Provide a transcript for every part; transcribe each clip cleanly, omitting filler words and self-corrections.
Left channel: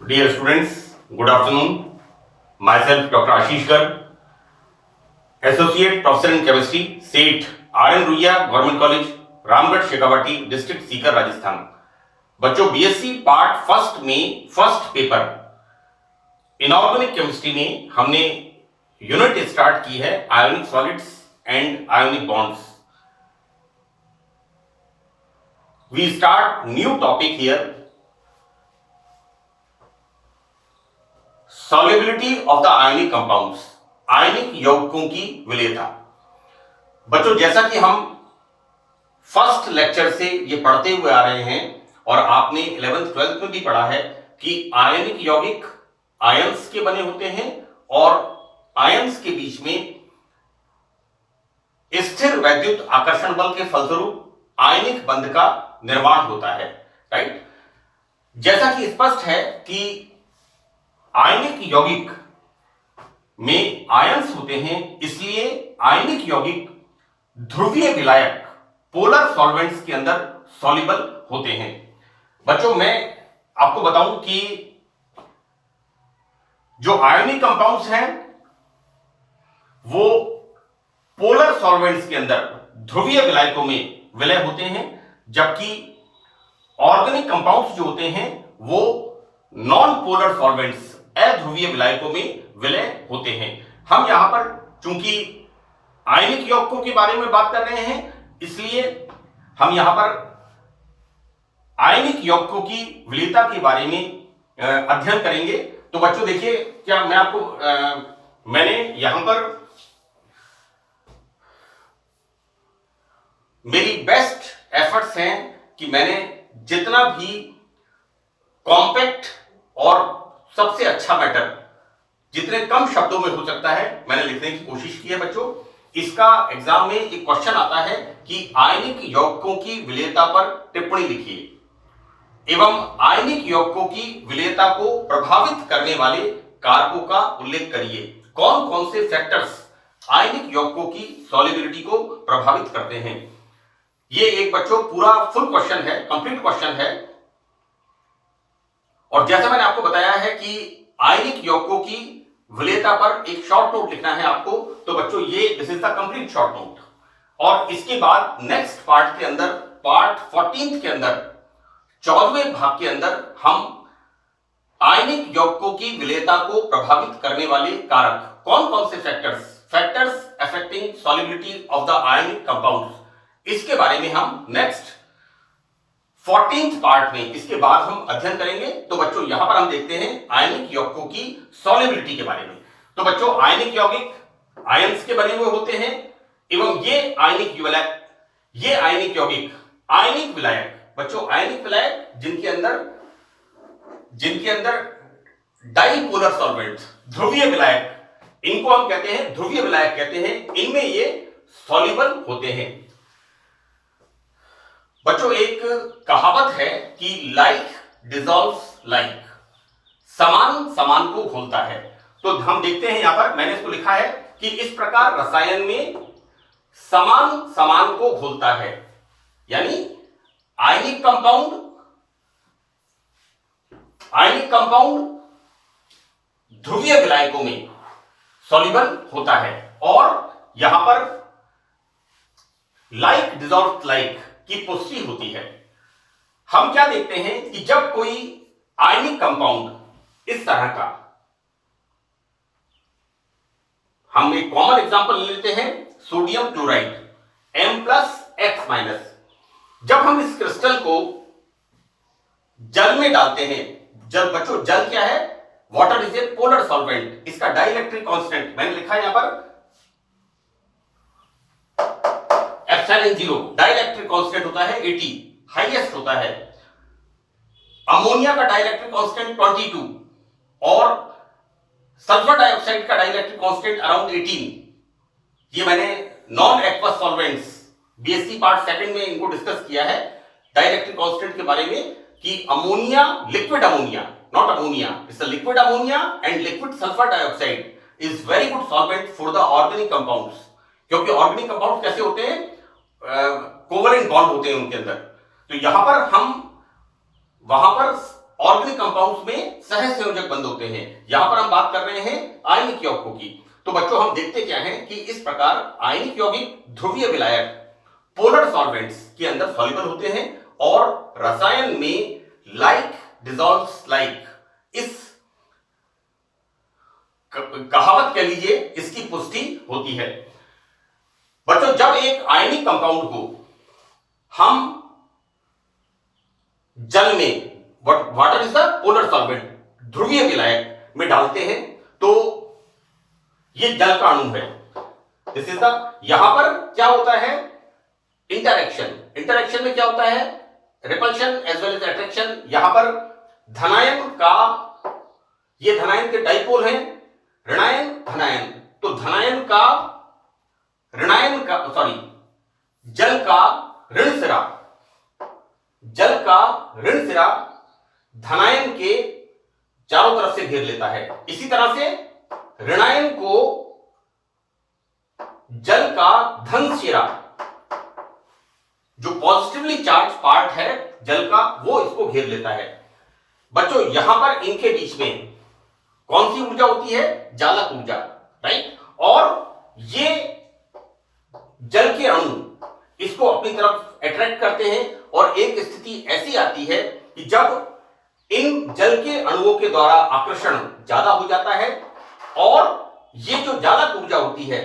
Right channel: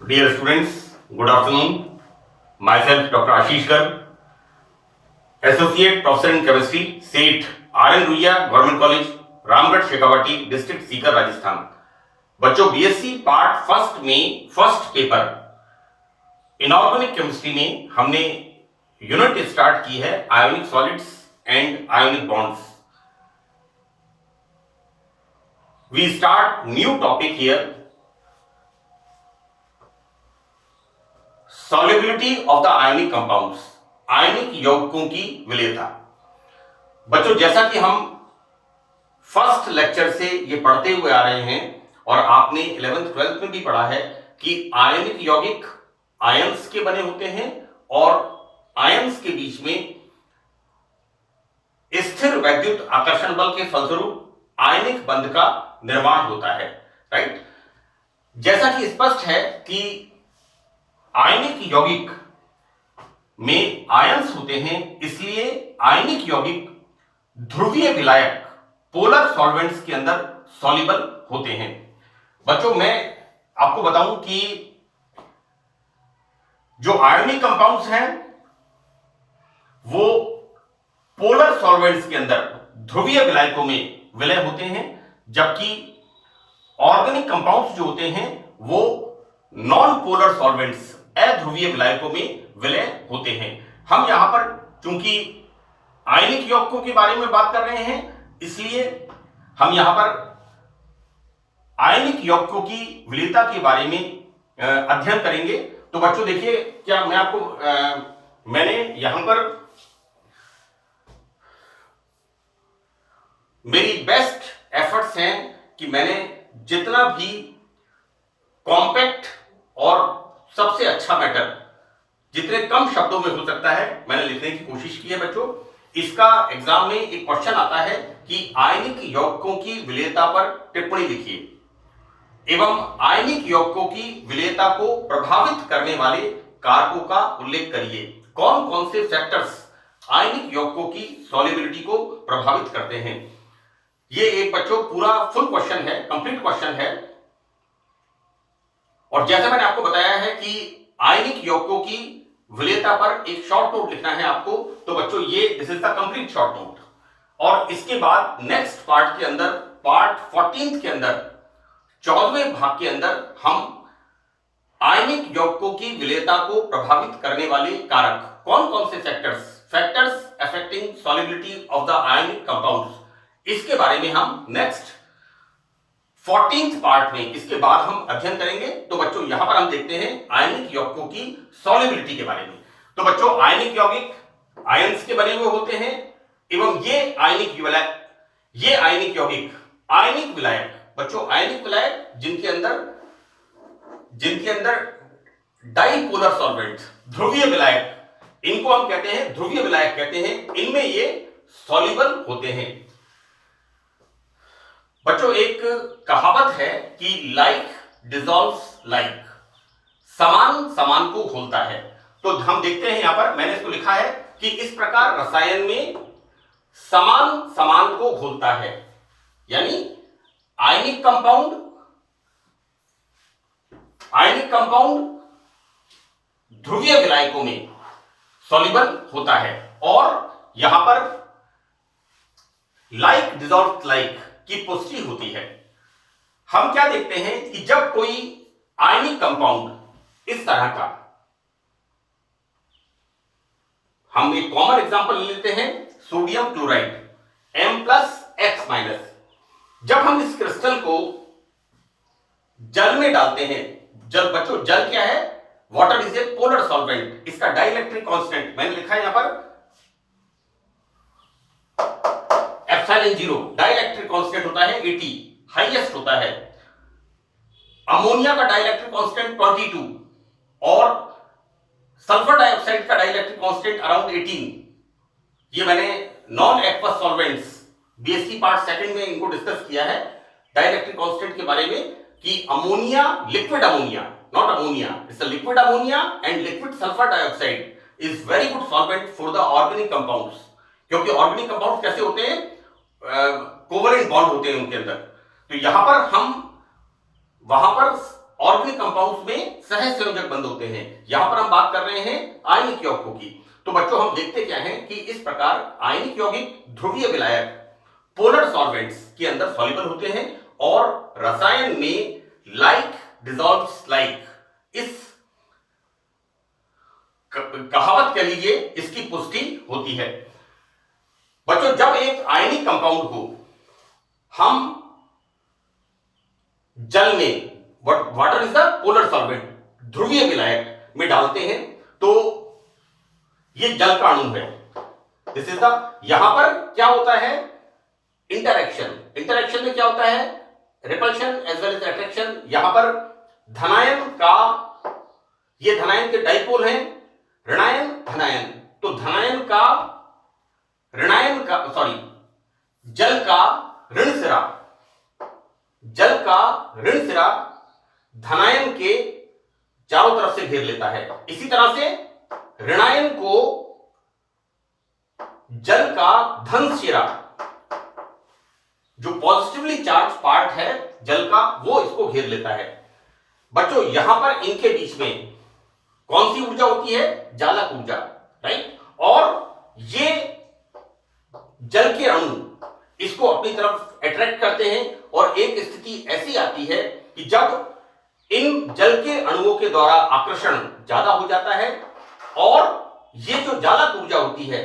Dear students, good afternoon. Myself, Dr. Ashish Garg, Associate Professor in Chemistry, SEAT, RN Ruia, Government College, Ramgarh Shekhawati, district Sikar, Rajasthan. बच्चों, BSc part first में first paper inorganic chemistry में हमने unit start की है ionic solids and ionic bonds. We start new topic here, solubility of the ionic compounds, आयनिक यौगिकों की विलेयता। बच्चों, जैसा कि हम फर्स्ट लेक्चर से ये पढ़ते हुए आ रहे हैं और आपने 11th 12th में भी पढ़ा है कि आयनिक यौगिक आयंस के बने होते हैं और आयंस के बीच में स्थिर वैद्युत आकर्षण बल के फलस्वरूप आयनिक बंध का निर्माण होता है, राइट। जैसा कि स्पष्ट है कि आयनिक यौगिक में आयंस होते हैं, इसलिए आयनिक यौगिक ध्रुवीय विलायक पोलर सॉल्वेंट्स के अंदर सॉल्युबल होते हैं। बच्चों, मैं आपको बताऊं कि जो आयनिक कंपाउंड्स हैं वो पोलर सॉल्वेंट्स के अंदर ध्रुवीय विलायकों में विलय होते हैं, जबकि ऑर्गेनिक कंपाउंड्स जो होते हैं वो नॉन पोलर सॉल्वेंट्स अध्रुवीय विलायकों में विलय होते हैं। हम यहां पर चूंकि आयनिक यौगिकों के बारे में बात कर रहे हैं, इसलिए हम यहां पर आयनिक यौगिकों की विलेयता के बारे में अध्ययन करेंगे। तो बच्चों देखिए, क्या मैं आपको मैंने यहां पर मेरी बेस्ट एफर्ट्स हैं कि मैंने जितना भी कॉम्पैक्ट और सबसे अच्छा मैटर जितने कम शब्दों में हो सकता है मैंने लिखने की कोशिश की है। बच्चों, इसका एग्जाम में एक क्वेश्चन आता है कि आयनिक यौगिकों की विलेयता पर टिप्पणी लिखिए एवं आयनिक यौगिकों की विलेयता को प्रभावित करने वाले कारकों का उल्लेख करिए। कौन कौन से फैक्टर्स आयनिक यौगिकों की सॉल्युबिलिटी को प्रभावित करते हैं। ये एक बच्चों पूरा फुल क्वेश्चन है, कंप्लीट क्वेश्चन है। और जैसा मैंने आपको बताया है कि आयनिक यौगिकों की विलेयता पर एक शॉर्ट नोट लिखना है आपको, तो बच्चों ये this is the complete short note. और इसके बाद नेक्स्ट पार्ट के अंदर, पार्ट 14 के अंदर, 14वें भाग के अंदर हम आयनिक यौगिकों की विलेयता को प्रभावित करने वाले कारक कौन कौन से factors affecting solubility of the ionic compounds, इसके बारे में हम नेक्स्ट 14th पार्ट में इसके बाद हम अध्ययन करेंगे। तो बच्चों यहां पर हम देखते हैं आयनिक यौगिकों की सॉल्युबिलिटी के बारे में। तो बच्चों, आयनिक यौगिक आयंस के बने हुए होते हैं एवं ये आयनिक यौगिक आयनिक विलायक, बच्चों आयनिक विलायक जिनके अंदर डाइपोलर सॉल्वेंट्स, ध्रुवीय विलायक, इनको हम कहते हैं ध्रुवीय विलायक कहते हैं, इनमें ये सॉल्युबल होते हैं। बच्चों, एक कहावत है कि लाइक डिसॉल्व्स लाइक, समान समान को घोलता है। तो हम देखते हैं यहां पर मैंने इसको लिखा है कि इस प्रकार रसायन में समान समान को घोलता है, यानी आयनिक कंपाउंड ध्रुवीय विलायकों में सॉल्युबल होता है। और यहां पर लाइक डिसॉल्व्स लाइक की पुष्टि होती है। हम क्या देखते हैं कि जब कोई आयनिक कंपाउंड इस तरह का, हम एक कॉमन एग्जांपल ले लेते हैं सोडियम क्लोराइड M+X-, जब हम इस क्रिस्टल को जल में डालते हैं, बच्चों जल क्या है, water is a polar solvent, इसका डाइलेक्ट्रिक कांस्टेंट मैंने लिखा है यहां पर ε0, डाइलेक्ट्रिक कांस्टेंट होता है 80, हाईएस्ट होता है। अमोनिया का डाइलेक्ट्रिक कांस्टेंट 22 और सल्फर डाइऑक्साइड का डाइलेक्ट्रिक कांस्टेंट अराउंड 18। ये मैंने non aqueous solvents BSc part second में इनको डिस्कस किया है डाइलेक्ट्रिक कांस्टेंट के बारे में कि ammonia, liquid ammonia, not ammonia, it's a liquid ammonia and liquid sulphur dioxide is very good solvent for the organic compounds. क्योंकि ऑर्गेनिक कंपाउंड कैसे होते हैं, कोवलेंट बॉन्ड होते हैं उनके अंदर। तो यहां पर हम वहां पर ऑर्गेनिक कंपाउंड्स में सह संयोजक बंद होते हैं। यहां पर हम बात कर रहे हैं आयनिक यौगिकों की। तो बच्चों हम देखते क्या हैं कि इस प्रकार आयनिक यौगिक ध्रुवीय विलायक पोलर सॉल्वेंट्स के अंदर सॉल्युबल होते हैं और रसायन में लाइक डिसॉल्व्स लाइक, इस कहावत कह लीजिए, इसकी पुष्टि होती है। बच्चों जब एक आयनिक कंपाउंड को हम जल में, water is the polar solvent, ध्रुवीय विलायक में डालते हैं तो ये जल का अणु है। दिस इज द, यहां पर क्या होता है, इंटरैक्शन में क्या होता है, repulsion as well as attraction. यहां पर धनायन का, ये धनायन के डाइपोल हैं, ऋणायन धनायन, तो धनायन का जल का ऋण सिरा धनायन के चारों तरफ से घेर लेता है। इसी तरह से ऋणायन को जल का धन सिरा, जो पॉजिटिवली चार्ज पार्ट है जल का, वो इसको घेर लेता है। बच्चों यहां पर इनके बीच में कौन सी ऊर्जा होती है, जालक ऊर्जा, राइट। और ये जल के अणु इसको अपनी तरफ अट्रैक्ट करते हैं और एक स्थिति ऐसी आती है कि जब इन जल के अणुओं के द्वारा आकर्षण ज्यादा हो जाता है और ये जो जालक ऊर्जा होती है,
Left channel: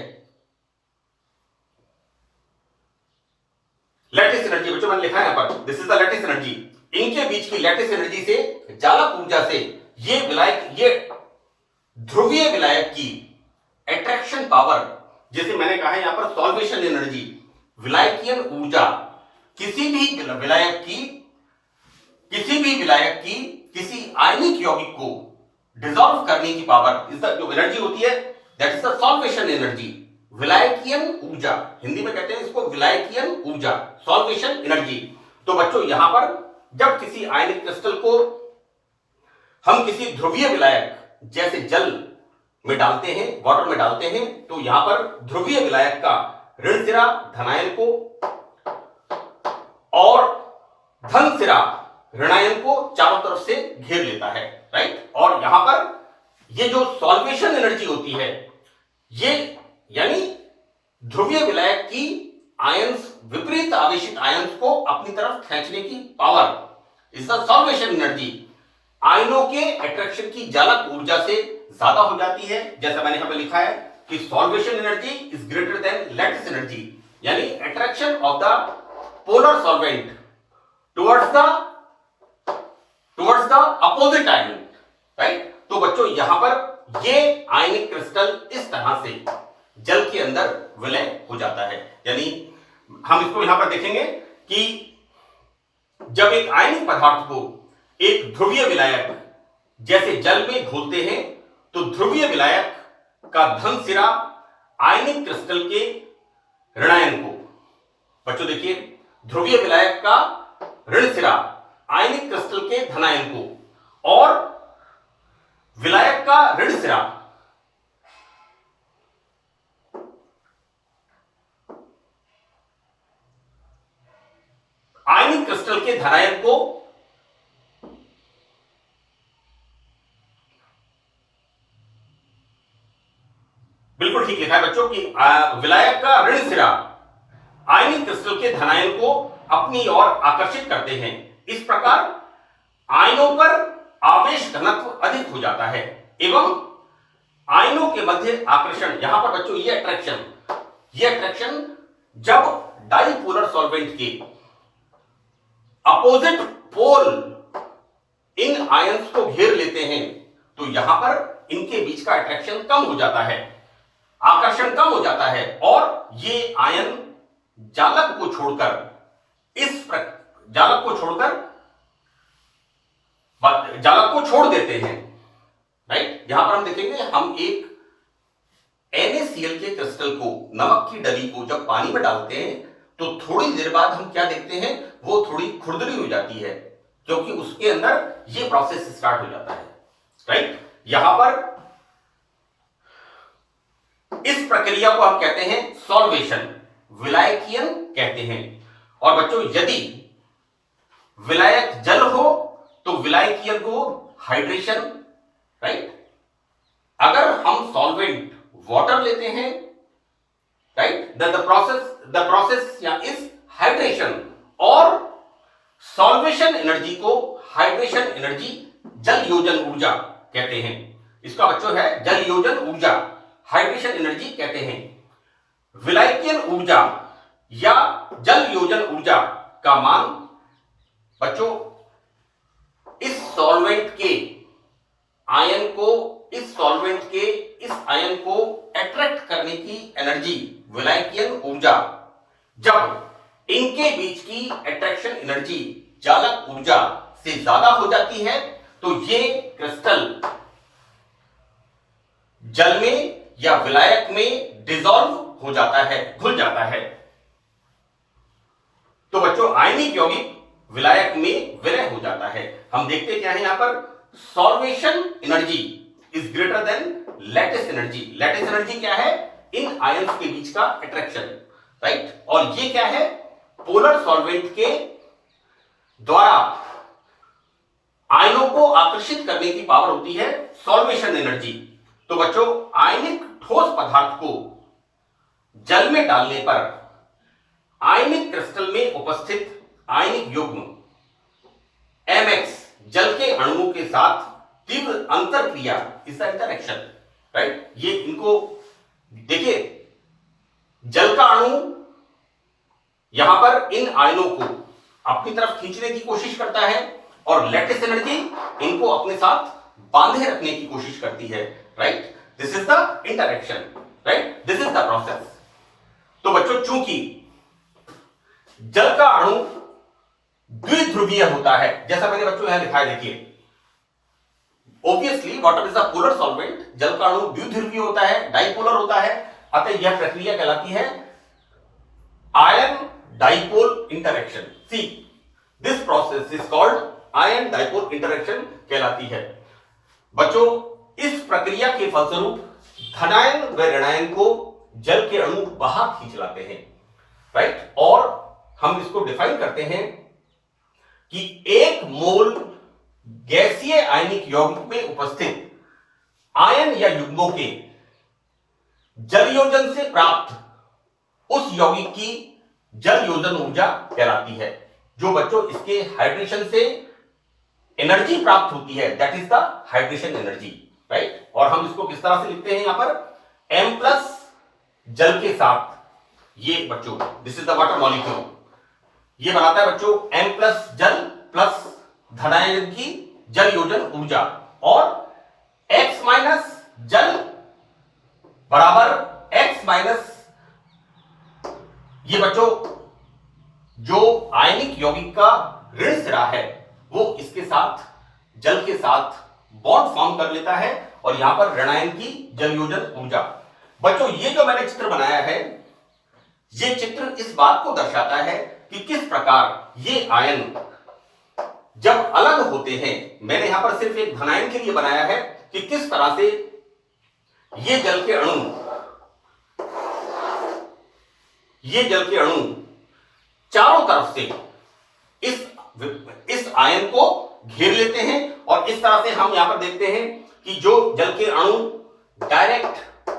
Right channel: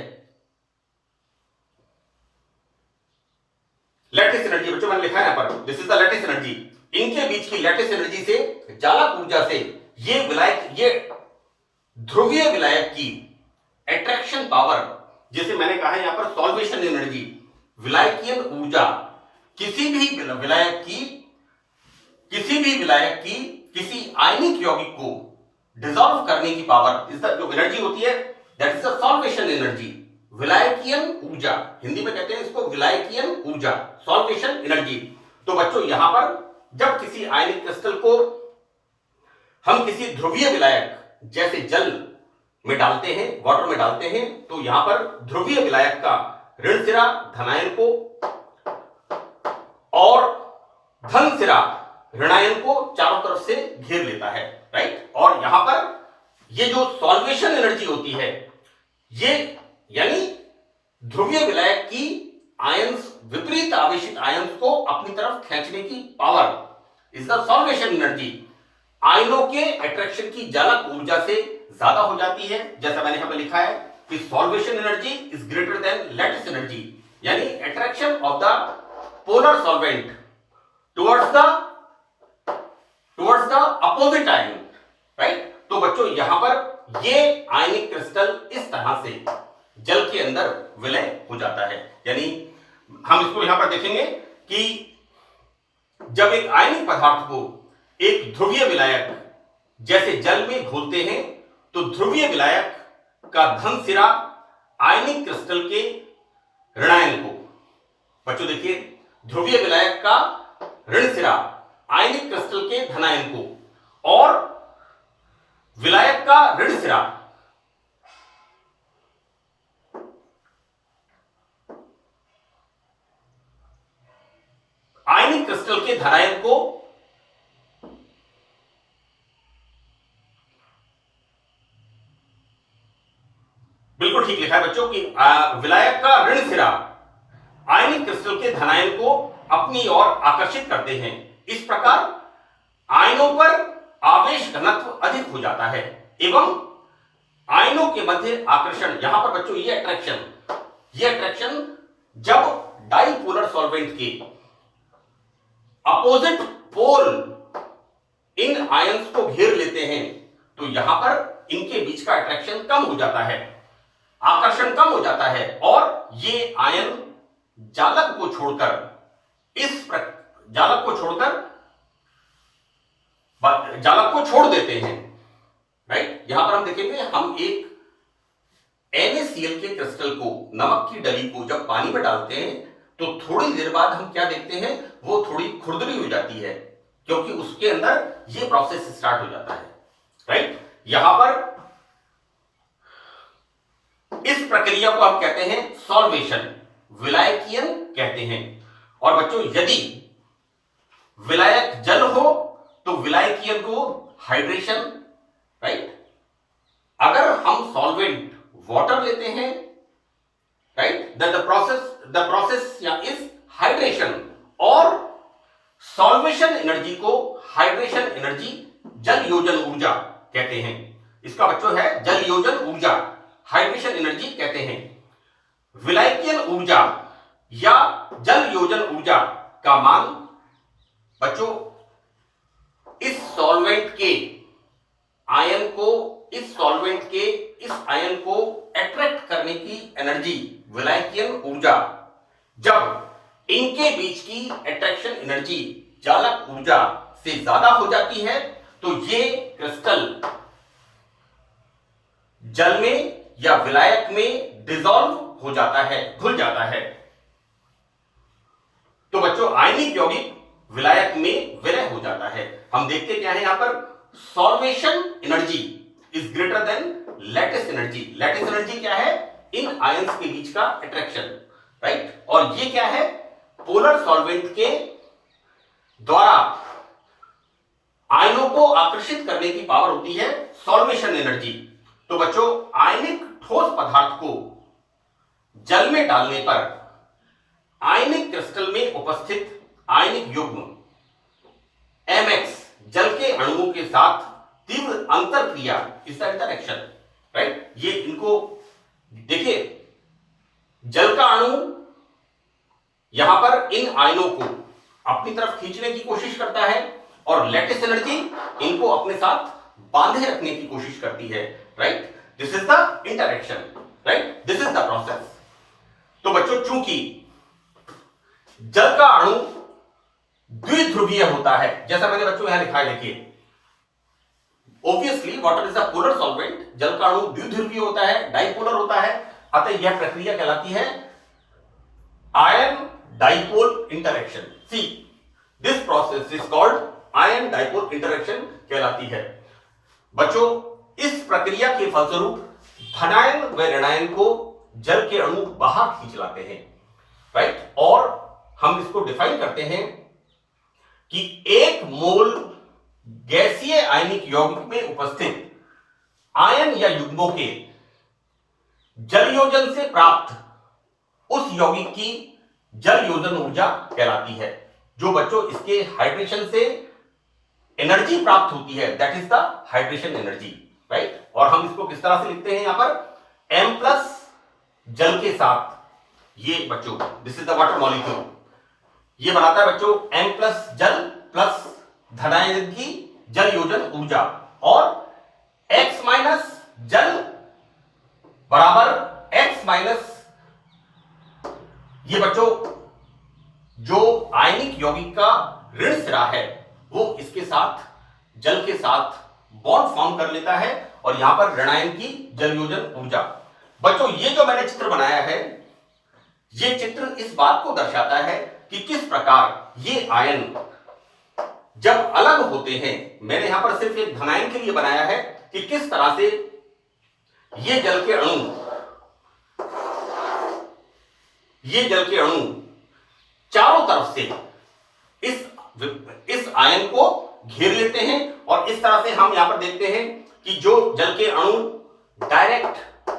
लैटिस एनर्जी, बच्चों मैंने लिखा है यहां पर, this is the lattice energy, इनके बीच की लैटिस एनर्जी से, जालक ऊर्जा से ये विलायक, ये ध्रुवीय विलायक की अट्रैक्शन पावर, जैसे मैंने कहा है यहां पर सॉल्वेशन एनर्जी, विलायकीय ऊर्जा, किसी भी विलायक की किसी आयनिक यौगिक को डिसॉल्व करने की पावर, इस जो एनर्जी होती है, that is the solvation energy, विलायकीय ऊर्जा, हिंदी में कहते हैं इसको विलायकीय ऊर्जा, सॉल्वेशन एनर्जी। तो बच्चों यहां पर जब किसी आयनिक क्रिस्टल को हम किसी ध्रुवीय विलायक जैसे जल में डालते हैं, वाटर में डालते हैं, तो यहां पर ध्रुवीय विलायक का ऋण सिरा धनायन को और धन सिरा ऋणायन को चारों तरफ से घेर लेता है, राइट। और यहां पर ये जो सॉल्वेशन एनर्जी होती है, ये यानी ध्रुवीय विलायक की आयंस, विपरीत आवेशित आयंस को अपनी तरफ खींचने की power, is the solvation energy, आयनों के अट्रैक्शन की जालक ऊर्जा से ज्यादा हो जाती है। जैसा मैंने यहां पर लिखा है कि solvation energy is greater than lattice energy, यानी attraction of the polar solvent towards the opposite ion, right. तो बच्चों यहां पर ये आयनिक क्रिस्टल इस तरह से जल के अंदर विलय हो जाता है। यानी हम इसको यहां पर देखेंगे कि जब एक आयनिक पदार्थ को एक ध्रुवीय विलायक जैसे जल में घोलते हैं तो ध्रुवीय विलायक का धन सिरा आयनिक क्रिस्टल के ऋणायन को, बच्चों देखिए, ध्रुवीय विलायक का ऋण सिरा आयनिक क्रिस्टल के धनायन को और विलायक का ऋण सिरा आयनिक क्रिस्टल के धनायन को बिल्कुल ठीक लिखा है बच्चों कि विलायक का ऋण सिरा आयनिक क्रिस्टल के धनायन को अपनी ओर आकर्षित करते हैं। इस प्रकार आयनों पर आवेश घनत्व अधिक हो जाता है एवं आयनों के मध्य आकर्षण, यहां पर बच्चों ये अट्रैक्शन जब डाइपोलर सॉल्वेंट के अपोजिट पोल इन आयंस को घेर लेते हैं तो यहां पर इनके बीच का अट्रैक्शन कम हो जाता है, आकर्षण कम हो जाता है और ये आयन जालक को छोड़ देते हैं, राइट। यहां पर हम देखेंगे, हम एक NaCl के क्रिस्टल को, नमक की डली को जब पानी में डालते हैं तो थोड़ी देर बाद हम क्या देखते हैं, वो थोड़ी खुरदरी हो जाती है क्योंकि उसके अंदर ये प्रोसेस स्टार्ट हो जाता है, राइट। यहां पर इस प्रक्रिया को हम कहते हैं सॉल्वेशन, विलायकीयन कहते हैं। और बच्चों यदि विलायक जल हो तो विलायकीय को हाइड्रेशन, राइट। अगर हम सॉल्वेंट वाटर लेते हैं, राइट, द प्रोसेस या इज हाइड्रेशन, और सॉल्वेशन एनर्जी को हाइड्रेशन एनर्जी, जल योजन ऊर्जा कहते हैं। इसका बच्चों है जल योजन ऊर्जा, हाइड्रेशन एनर्जी कहते हैं। विलायकीय ऊर्जा या जल योजन ऊर्जा का मान बच्चों इस सॉल्वेंट के आयन को, इस सॉल्वेंट के इस आयन को अट्रैक्ट करने की एनर्जी, विलायकीय ऊर्जा, जब इनके बीच की अट्रैक्शन एनर्जी चालक ऊर्जा से ज्यादा हो जाती है तो ये क्रिस्टल जल में या विलायक में डिसॉल्व हो जाता है, घुल जाता है। तो बच्चों आयनिक यौगिक विलायक में विलय हो जाता है। हम देखते क्या है यहां पर, solvation energy is greater than lattice energy. Lattice energy क्या है, इन आयंस के बीच का अट्रैक्शन, राइट। और ये क्या है, पोलर सॉल्वेंट के द्वारा आयनों को आकर्षित करने की पावर होती है सॉल्वेशन एनर्जी। तो बच्चों आयनिक ठोस पदार्थ को जल में डालने पर आयनिक क्रिस्टल में उपस्थित आयनिक युग्म mx जल के अणुओं के साथ तीव्र अंतर क्रिया, इसका इंटरेक्शन, राइट। ये इनको देखिए, जल का अणु यहां पर इन आयनों को अपनी तरफ खींचने की कोशिश करता है और लैटिस एनर्जी इनको अपने साथ बांधे रखने की कोशिश करती है, right. This is the interaction, right, this is the process. तो बच्चों चूंकि जल का अणु द्विध्रुवीय होता है, जैसा मैंने बच्चों यहां लिखा है, देखिए obviously water is a polar solvent, जल का अणु द्विध्रुवीय होता है, डाइपोलर होता है, अतः यह प्रक्रिया कहलाती है ion dipole interaction. See this process is called ion dipole interaction कहलाती है। बच्चों इस प्रक्रिया के फलस्वरूप धनायन व ऋणायन को जल के अणु बाहर खींच लाते हैं, राइट। और हम इसको डिफाइन करते हैं कि 1 मोल गैसीय आयनिक यौगिक में उपस्थित आयन या युग्मों के जल योजन से प्राप्त उस यौगिक की जल योजन ऊर्जा कहलाती है। जो बच्चों इसके हाइड्रेशन से एनर्जी प्राप्त होती है, that is the hydration energy, right. और हम इसको किस तरह से लिखते हैं, यहां पर m प्लस जल के साथ, ये बच्चों this is the water molecule, ये बनाता है बच्चों m प्लस जल प्लस धनायन की जल योजन ऊर्जा, और x माइनस जल बराबर x माइनस, ये बच्चों जो आयनिक यौगिक का ऋण सिरा है वो इसके साथ जल के साथ बॉन्ड फॉर्म कर लेता है, और यहां पर ऋणायन की जल योजन ऊर्जा। बच्चों ये जो मैंने चित्र बनाया है, ये चित्र इस बात को दर्शाता है कि किस प्रकार ये आयन जब अलग होते हैं, मैंने यहां पर सिर्फ एक धनायन के लिए बनाया है कि किस तरह से ये जल के अणु चारों तरफ से इस आयन को घेर लेते हैं, और इस तरह से हम यहां पर देखते हैं कि जो जल के अणु डायरेक्ट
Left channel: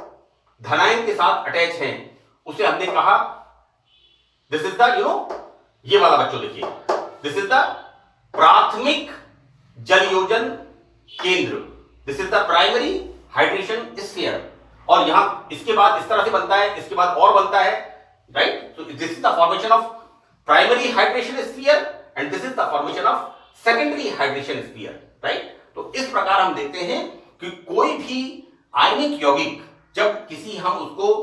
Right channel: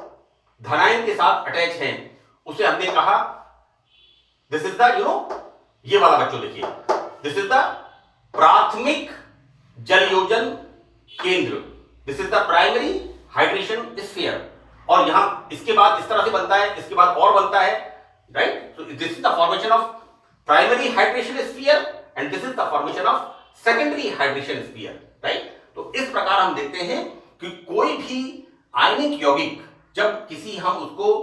धनायन के साथ अटैच हैं, उसे हमने कहा दिस इज द ये वाला बच्चों देखिए, दिस इज द प्राथमिक जल योजन केंद्र, this is the primary hydration sphere. और यहां इसके बाद इस तरह से बनता है, इसके बाद और बनता है, right. So this is the formation of primary hydration sphere and this is the formation of secondary hydration sphere, right। तो इस प्रकार हम देखते हैं कि कोई भी आयनिक यौगिक जब किसी हम उसको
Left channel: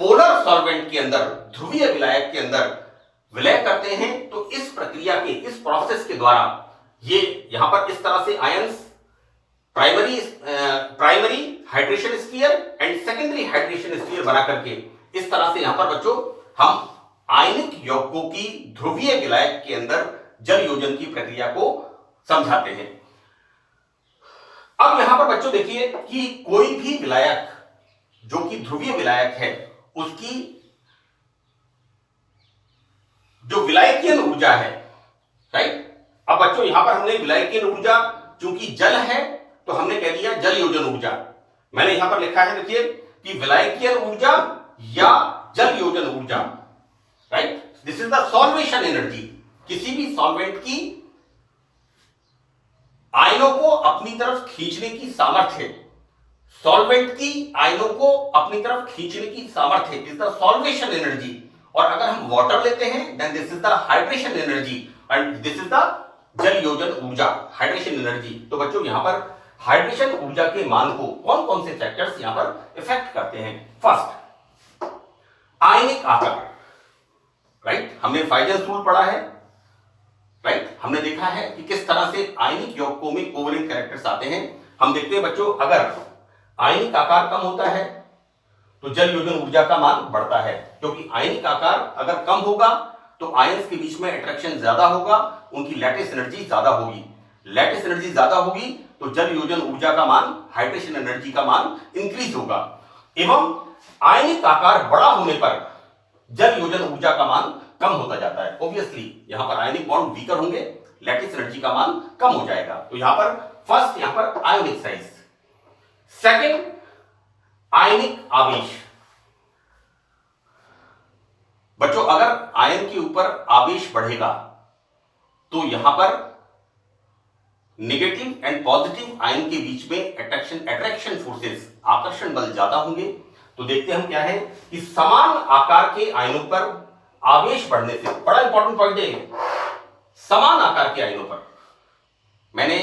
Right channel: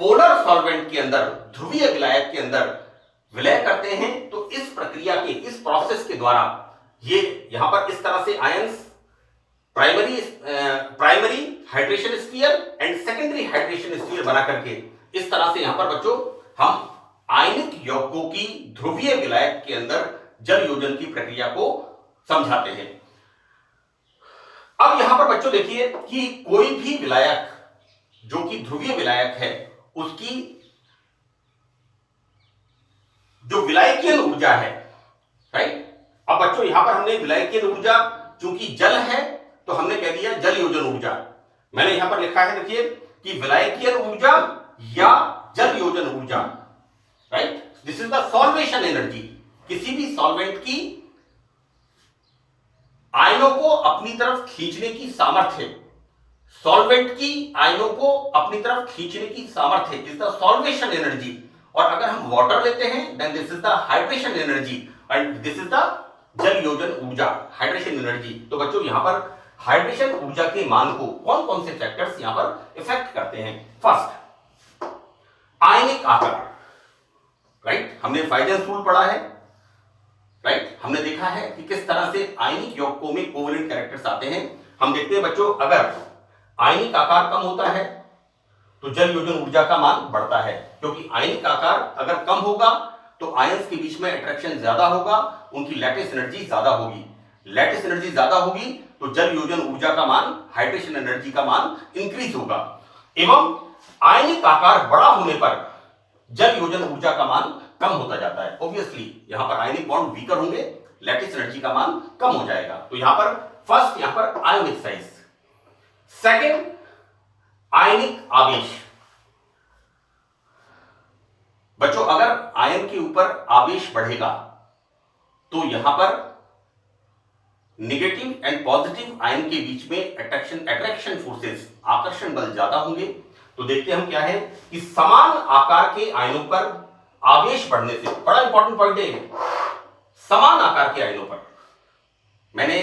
पोलर सॉल्वेंट के अंदर, ध्रुवीय विलायक के अंदर विलय करते हैं, तो इस प्रक्रिया के, इस प्रोसेस के द्वारा ये यहां पर इस तरह से ions primary hydration sphere and secondary hydration sphere बना करके इस तरह से यहां पर बच्चों हम आयनिक यौगिकों की ध्रुवीय विलायक के अंदर जल योजन की प्रक्रिया को समझाते हैं। अब यहां पर बच्चों देखिए कि कोई भी विलायक जो कि ध्रुवीय विलायक है, उसकी जो विलायकीय ऊर्जा है, राइट। अब बच्चों बच्चों यहां पर हमने विलायकीय ऊर्जा, चूंकि जल है तो हमने कह दिया जल योजन ऊर्जा। मैंने यहां पर लिखा है देखिए कि विलायकीय ऊर्जा या जल योजन ऊर्जा, right. This is the solvation energy. किसी भी सॉल्वेंट की आयनों को अपनी तरफ खींचने की सामर्थ्य, सॉल्वेंट की आयनों को अपनी तरफ खींचने की सामर्थ्य इज द सॉल्वेशन एनर्जी। और अगर हम वाटर लेते हैं then this is the hydration energy and this is the जल योजन ऊर्जा, हाइड्रेशन एनर्जी। तो बच्चों यहां पर हाइड्रेशन ऊर्जा के मान को कौन कौन से फैक्टर्स यहां पर इफेक्ट करते हैं? फर्स्ट, आयनिक आकार, राइट। हमने फाइजन्स रूल पढ़ा है, राइट। हमने देखा है कि किस तरह से आयनिक यौगिकों में कोवेलेंट कैरेक्टर्स आते हैं। हम देखते हैं बच्चों, अगर आयनिक आकार कम होता है तो जल योजन ऊर्जा का मान बढ़ता है, क्योंकि आयनिक आकार अगर कम होगा तो आयंस के बीच में अट्रैक्शन ज्यादा होगा, उनकी लैटिस एनर्जी ज्यादा होगी। लैटिस एनर्जी ज्यादा होगी तो जल योजन ऊर्जा का मान, हाइड्रेशन एनर्जी का मान इंक्रीज होगा। एवं आयनिक आकार बड़ा होने पर जल योजन ऊर्जा का मान कम होता जाता है। ऑब्वियसली यहां पर आयनिक बॉन्ड वीकर होंगे, लैटिस एनर्जी का मान कम हो जाएगा। तो यहां पर फर्स्ट, यहां पर आयोनिक साइज। सेकेंड, आयनिक आवेश। बच्चों अगर आयन के ऊपर आवेश बढ़ेगा तो यहां पर नेगेटिव एंड पॉजिटिव आयन के बीच में अट्रैक्शन फोर्सेस, आकर्षण बल ज्यादा होंगे। तो देखते हैं हम क्या है कि समान आकार के आयनों पर आवेश बढ़ने से, बड़ा इंपॉर्टेंट पॉइंट है, समान आकार के आयनों पर, मैंने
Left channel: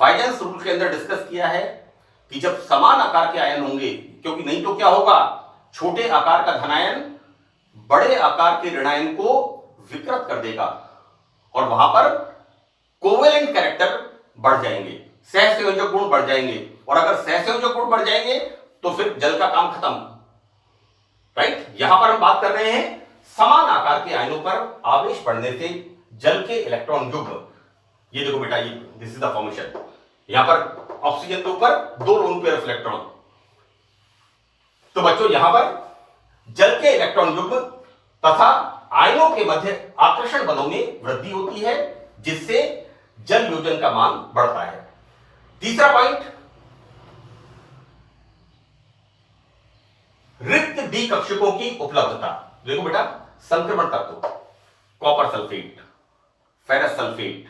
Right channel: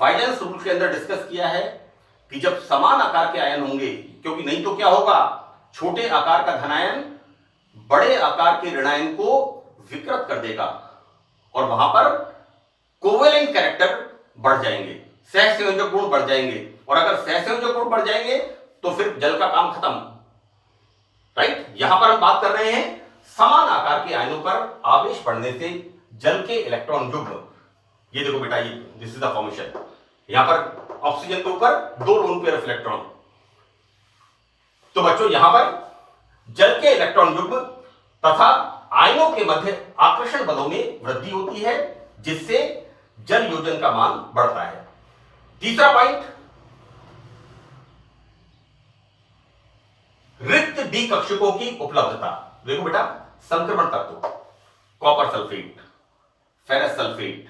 फाइडेंस रूल के अंदर डिस्कस किया है कि जब समान आकार के आयन होंगे, क्योंकि नहीं तो क्या होगा, छोटे आकार का धनायन बड़े आकार के ऋणायन को विकृत कर देगा और वहां पर कोवेलेंट कैरेक्टर बढ़ जाएंगे, सहसंयोजक गुण बढ़ जाएंगे। और अगर सहसंयोजक गुण बढ़ जाएंगे तो फिर जल का काम खत्म, राइट। यहां पर हम बात कर रहे हैं समान आकार के आयनों पर आवेश बढ़ने से जल के इलेक्ट्रॉन युग्म, ये देखो बेटा, ये दिस इज द फॉर्मेशन। यहां पर ऑक्सीजन के ऊपर 2 लोन पेयर ऑफ इलेक्ट्रॉन। तो बच्चों यहां पर जल के इलेक्ट्रॉन युग्म तथा आयनों के मध्य आकर्षण बलों में वृद्धि होती है, जिससे जल योजन का मान बढ़ता है। तीसरा पॉइंट, रिक्त डी कक्षकों की उपलब्धता। देखो बेटा, संक्रमण तत्व, copper sulphate, ferrous sulphate,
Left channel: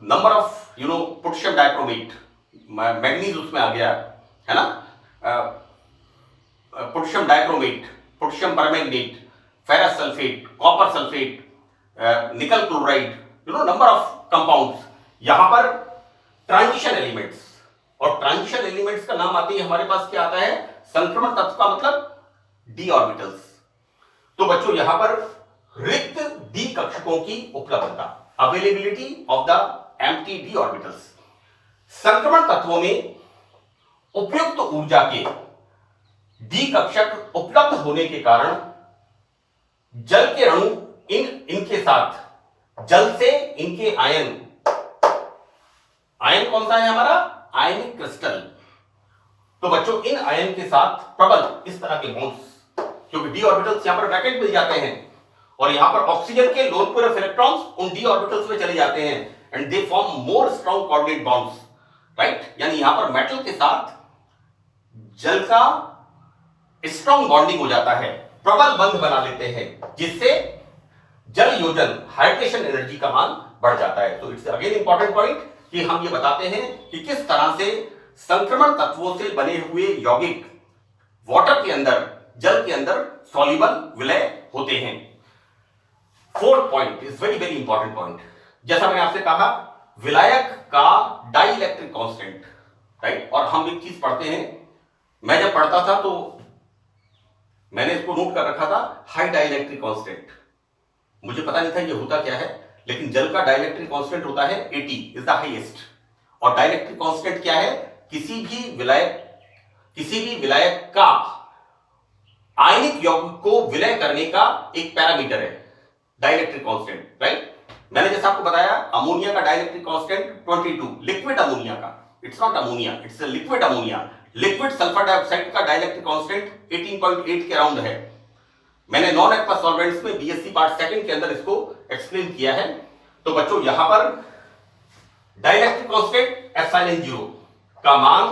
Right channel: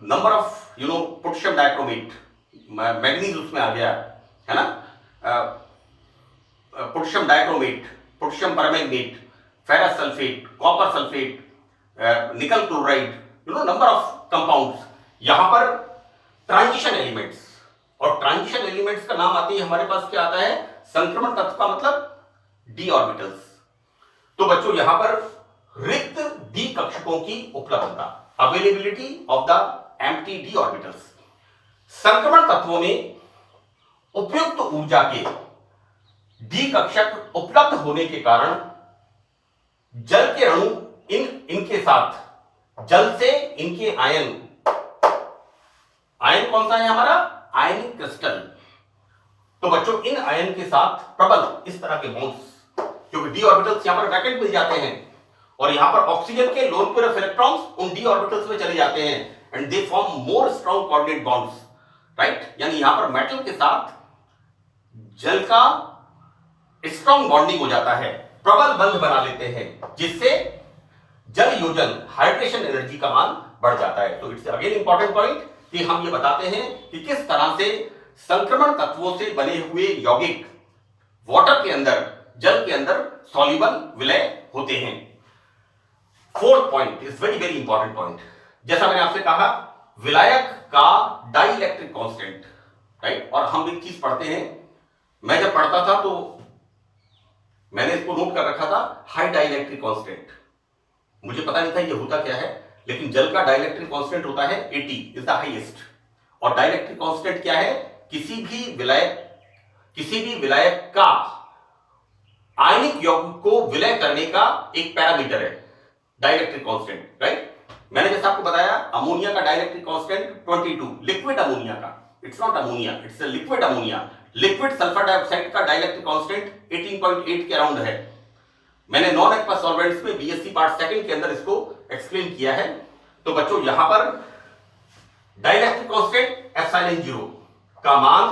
number of potassium dichromate, manganese उसमें आ गया है ना, potassium dichromate, potassium permanganate, ferrous sulphate, copper sulphate, निकल क्लोराइड, नंबर ऑफ कंपाउंड्स। यहां पर ट्रांजिशन एलिमेंट्स, और ट्रांजिशन एलिमेंट्स का नाम आते ही हमारे पास क्या आता है, संक्रमण तत्व का मतलब डी ऑर्बिटल्स। तो बच्चों यहां पर रिक्त डी कक्षकों की उपलब्धता, availability of the empty D orbitals. संक्रमण तत्वों में उपयुक्त ऊर्जा के डी कक्षक उपलब्ध होने के कारण जल के अणु इनके साथ, जल से इनके आयन कौन सा है हमारा, आयनिक क्रिस्टल। तो बच्चों इन आयन के साथ प्रबल इस तरह के बॉन्ड्स, क्योंकि डी ऑर्बिटल्स यहां पर वैकेंट मिल जाते हैं और यहां पर ऑक्सीजन के लोन पेयर ऑफ इलेक्ट्रॉन्स उन डी ऑर्बिटल्स में चले जाते हैं and they form more strong coordinate bonds, right. यानी यहां पर मेटल के साथ जल का स्ट्रॉन्ग बॉन्डिंग हो जाता है, प्रबल बंध बना लेते हैं, जिससे जल योजन, हाइड्रेशन एनर्जी का मान बढ़ जाता है। तो इट्स अगेन इंपॉर्टेंट पॉइंट कि हम ये बताते हैं कि किस तरह से संक्रमण तत्वों से बने हुए यौगिक वाटर के अंदर, जल के अंदर सॉल्युबल विलय होते हैं। Fourth point is very very important point, जैसा मैंने आपसे कहा, विलायक का डाइइलेक्ट्रिक कांस्टेंट, राइट। और हम एक चीज पढ़ते हैं, मैं जब पढ़ता था तो मैंने इसको नोट कर रखा था, हाई डाइइलेक्ट्रिक कांस्टेंट। मुझे पता नहीं था ये होता क्या है, लेकिन जल का डाइइलेक्ट्रिक कांस्टेंट होता है 80 इज द हाईएस्ट। और डाइइलेक्ट्रिक कांस्टेंट क्या है, किसी भी विलायक का आयनिक यौगिक को विलय करने का एक पैरामीटर है डाइइलेक्ट्रिक कांस्टेंट, राइट। मैंने जैसा आपको बताया, अमोनिया का डाइइलेक्ट्रिक कांस्टेंट 22, लिक्विड अमोनिया का, it's not ammonia, it's a liquid ammonia. Liquid sulphur dioxide का डाइइलेक्ट्रिक कांस्टेंट 18.8 के अराउंड है। मैंने नॉन एक्वस सॉल्वेंट्स में बीएससी पार्ट सेकंड के अंदर इसको एक्सप्लेन किया है। तो बच्चों यहां पर डाइलेक्ट्रिक कांस्टेंट एप्सिलॉन 0 का मान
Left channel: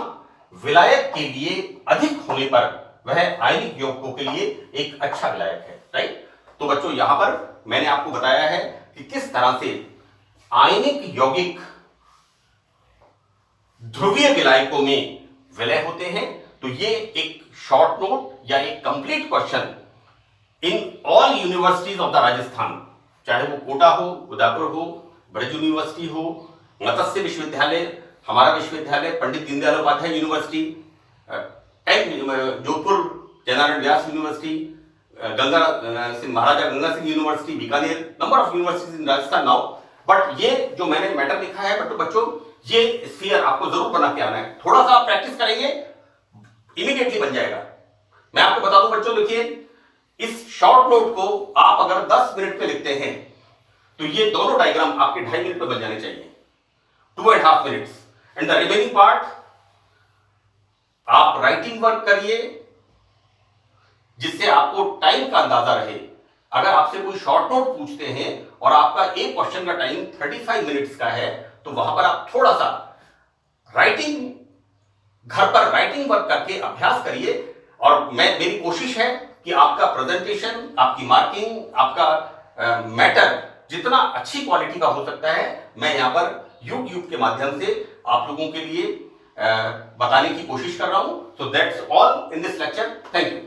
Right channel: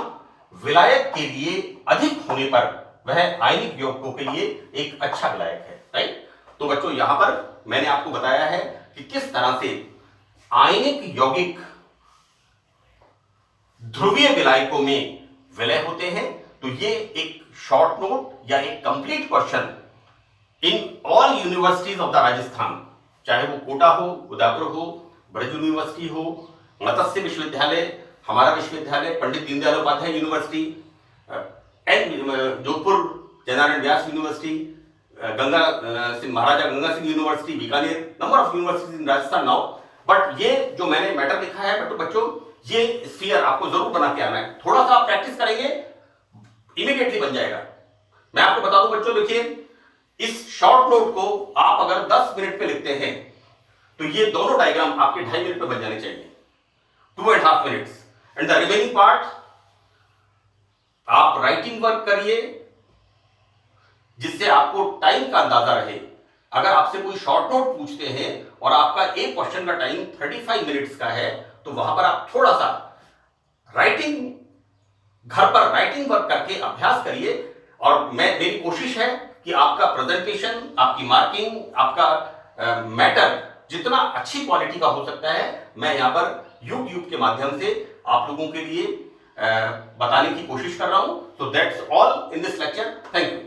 विलायक के लिए अधिक होने पर वह आयनिक यौगिकों के लिए एक अच्छा विलायक है, राइट। तो बच्चों यहां पर मैंने आपको बताया है कि किस तरह से आयनिक यौगिक ध्रुवीय विलायकों में विलय होते हैं। तो ये एक शॉर्ट नोट या एक complete question in all universities of the Rajasthan, चाहे वो कोटा हो, उदयपुर हो, ब्रज यूनिवर्सिटी हो, मत्स्य विश्वविद्यालय, हमारा विश्वविद्यालय, Pandit Deendayal Upadhyay university, Jodhpur Jainarayan Vyas university, Maharaja Ganga Singh university Bikaner, number of universities in Rajasthan now. But ये जो मैंने मैटर लिखा है बच्चों ये स्फीयर आपको जरूर बना के आना है। थोड़ा सा प्रैक्टिस करेंगे इमीडिएटली बन जाएगा। मैं आपको बता दूं बच्चों, देखिए इस शॉर्ट नोट को आप अगर 10 मिनट पे लिखते हैं तो ये दोनों डायग्राम आपके 2.5 मिनट पे बन जाने चाहिए, 2.5 minutes. And the remaining part आप राइटिंग वर्क करिए जिससे आपको टाइम का अंदाजा रहे। अगर आपसे कोई शॉर्ट नोट पूछते हैं और आपका एक क्वेश्चन का टाइम 35 मिनट्स का है तो वहां पर आप थोड़ा सा घर पर राइटिंग वर्क करके अभ्यास करिए। और मेरी कोशिश है कि आपका प्रेजेंटेशन, आपकी मार्किंग, आपका मैटर जितना अच्छी क्वालिटी का हो सकता है मैं यहां पर YouTube के माध्यम से आप लोगों के लिए बताने की कोशिश कर रहा हूं। So that's all in this lecture. Thank you.